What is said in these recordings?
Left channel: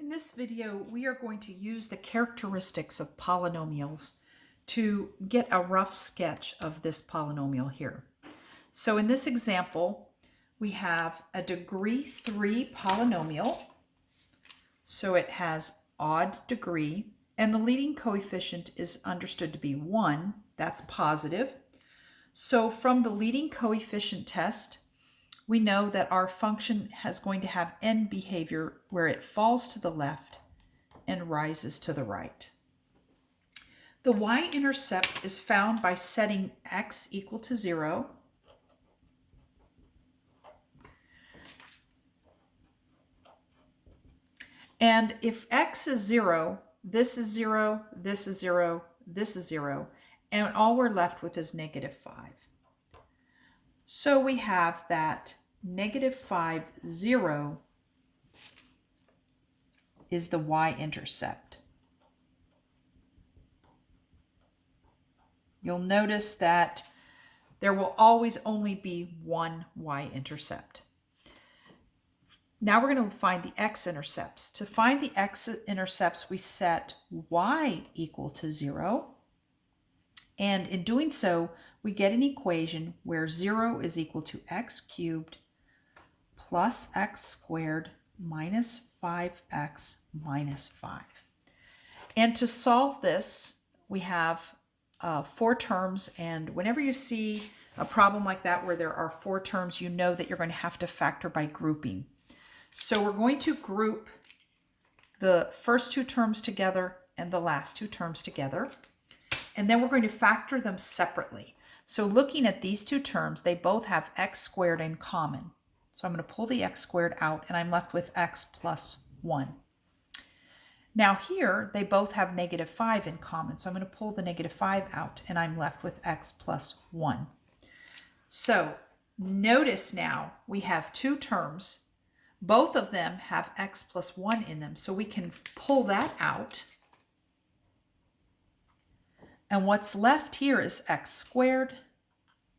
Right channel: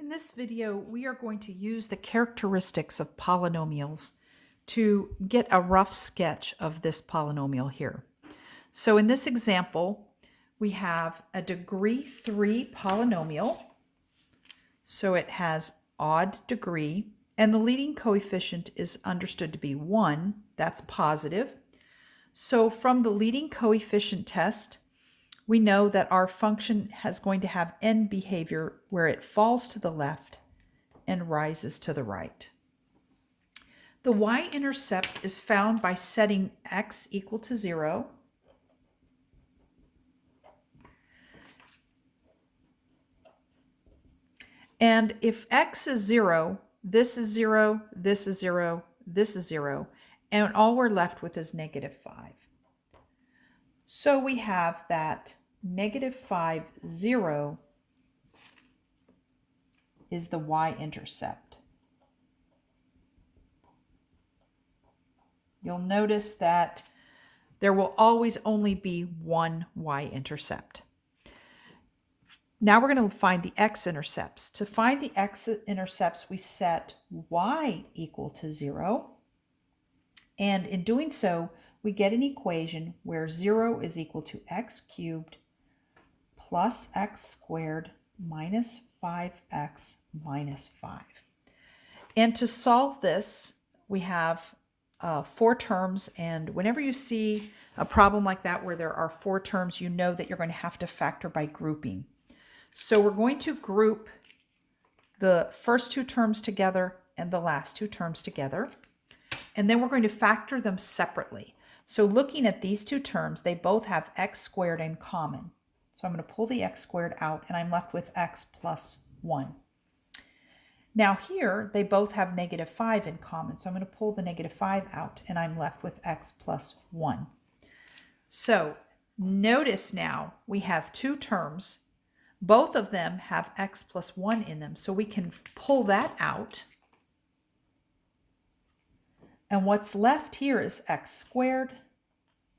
In this video, we are going to use the characteristics of polynomials to get a rough sketch of this polynomial here. So in this example, we have a degree 3 polynomial. So it has odd degree, and the leading coefficient is understood to be 1. That's positive. So from the leading coefficient test, we know that our function is going to have end behavior where it falls to the left and rises to the right. The y-intercept is found by setting x equal to 0. And if x is 0, this is 0, this is 0, this is 0, and all we're left with is -5. So we have that -5, 0 is the y-intercept. You'll notice that there will always only be one y-intercept. Now we're going to find the x-intercepts. To find the x-intercepts, we set y equal to 0. And in doing so, we get an equation where 0 is equal to x cubed plus x squared minus 5x minus 5. And to solve this, we have 4 terms. And whenever you see a problem like that where there are 4 terms, you know that you're going to have to factor by grouping. So we're going to group the first 2 terms together and the last 2 terms together. And then we're going to factor them separately. So looking at these 2 terms, they both have x squared in common. So I'm going to pull the x squared out, and I'm left with x plus 1. Now here, they both have -5 in common. So I'm going to pull the -5 out, and I'm left with x plus 1. So notice now we have 2 terms. Both of them have x plus 1 in them. So we can pull that out. And what's left here is x squared.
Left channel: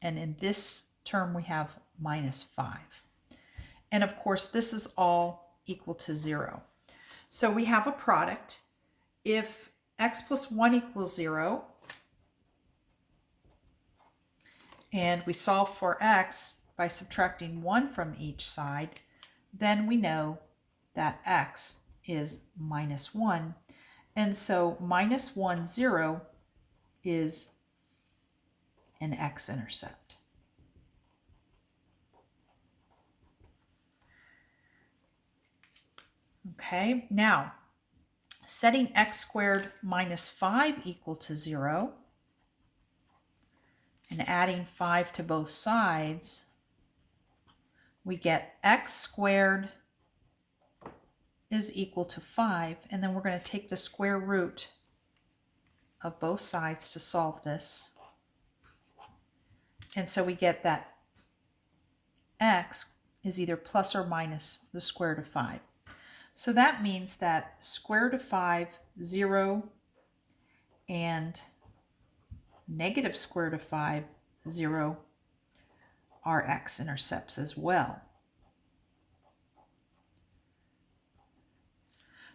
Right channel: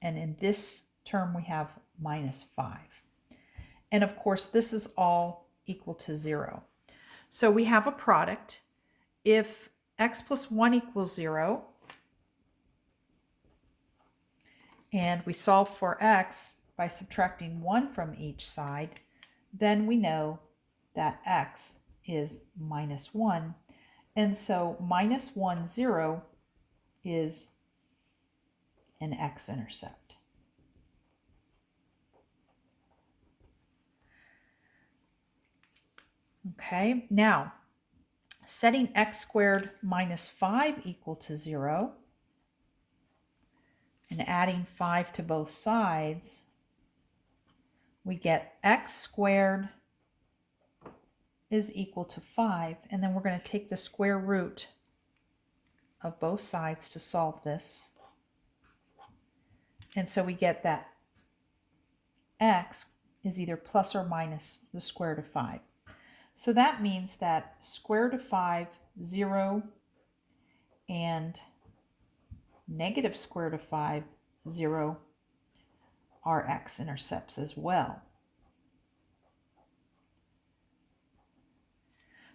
And in this term, we have -5. And of course, this is all equal to 0. So we have a product. If x plus 1 equals 0, and we solve for x by subtracting 1 from each side, then we know that x is -1. And so -1, 0 is an x-intercept. Okay, now setting x squared minus 5 equal to 0 and adding 5 to both sides, we get x squared is equal to 5, and then we're going to take the square root of both sides to solve this. And so we get that x is either plus or minus the square root of 5. So that means that square root of 5, 0, and negative square root of 5, 0 are x-intercepts as well.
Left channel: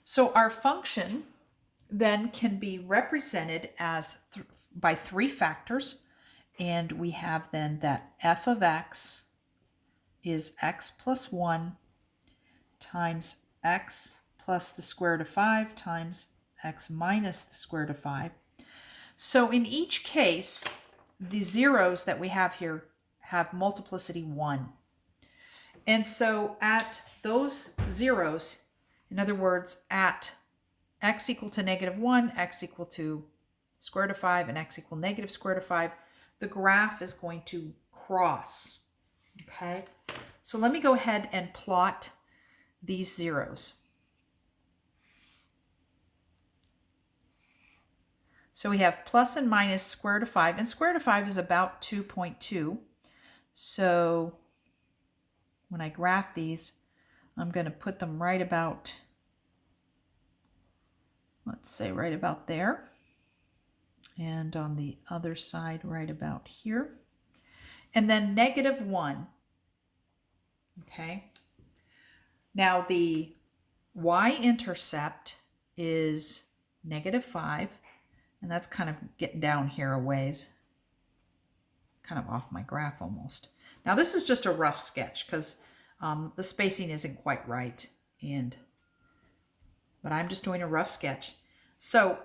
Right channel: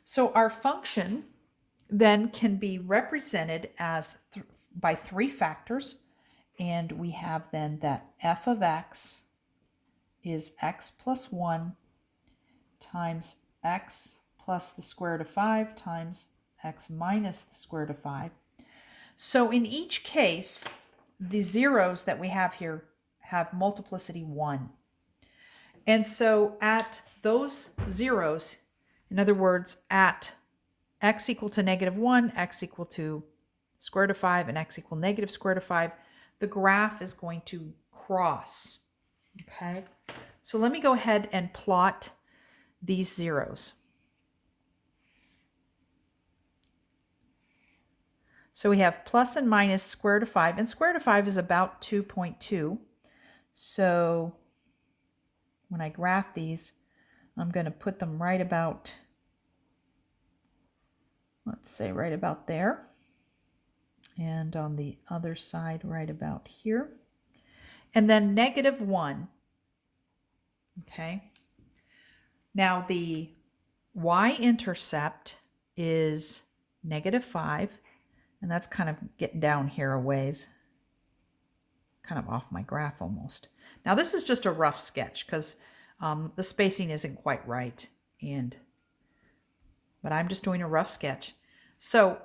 So our function then can be represented as by 3 factors, and we have then that f of x is x plus 1 times x plus the square root of 5 times x minus the square root of 5. So in each case, the zeros that we have here have multiplicity 1. And so at those zeros, in other words, at x equal to -1, x equal to square root of 5, and x equal negative square root of 5, the graph is going to cross. Okay, so let me go ahead and plot these zeros. So we have plus and minus square root of 5, and square root of 5 is about 2.2. So when I graph these, I'm going to put them right about, let's say right about there. And on the other side, right about here. And then -1. Okay. Now the y-intercept is -5, and that's kind of getting down here a ways, kind of off my graph almost. Now this is just a rough sketch because the spacing isn't quite right, but I'm just doing a rough sketch. So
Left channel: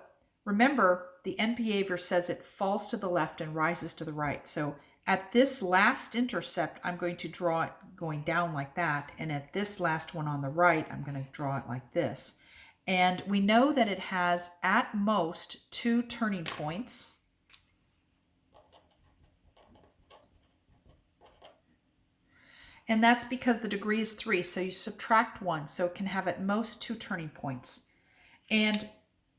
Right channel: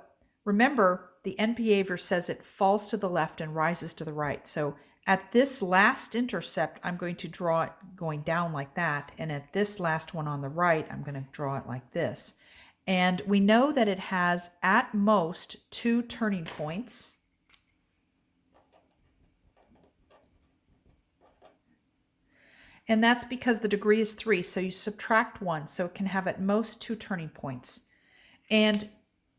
remember, the end behavior says it falls to the left and rises to the right. So at this last intercept, I'm going to draw it going down like that. And at this last one on the right, I'm going to draw it like this. And we know that it has at most 2 turning points. And that's because the degree is 3, so you subtract 1, so it can have at most 2 turning points. And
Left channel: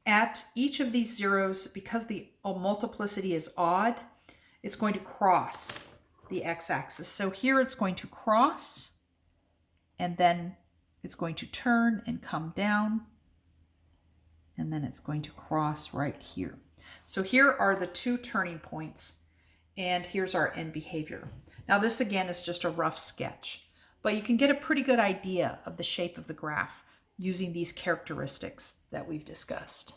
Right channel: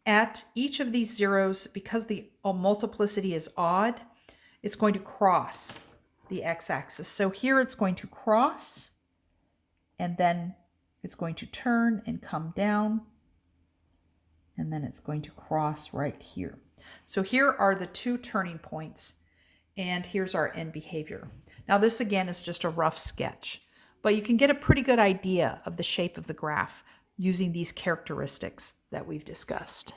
at each of these zeros, because the multiplicity is odd, it's going to cross the x-axis. So here it's going to cross, and then it's going to turn and come down, and then it's going to cross right here. So here are the 2 turning points, and here's our end behavior. Now this again is just a rough sketch, but you can get a pretty good idea of the shape of the graph using these characteristics that we've discussed.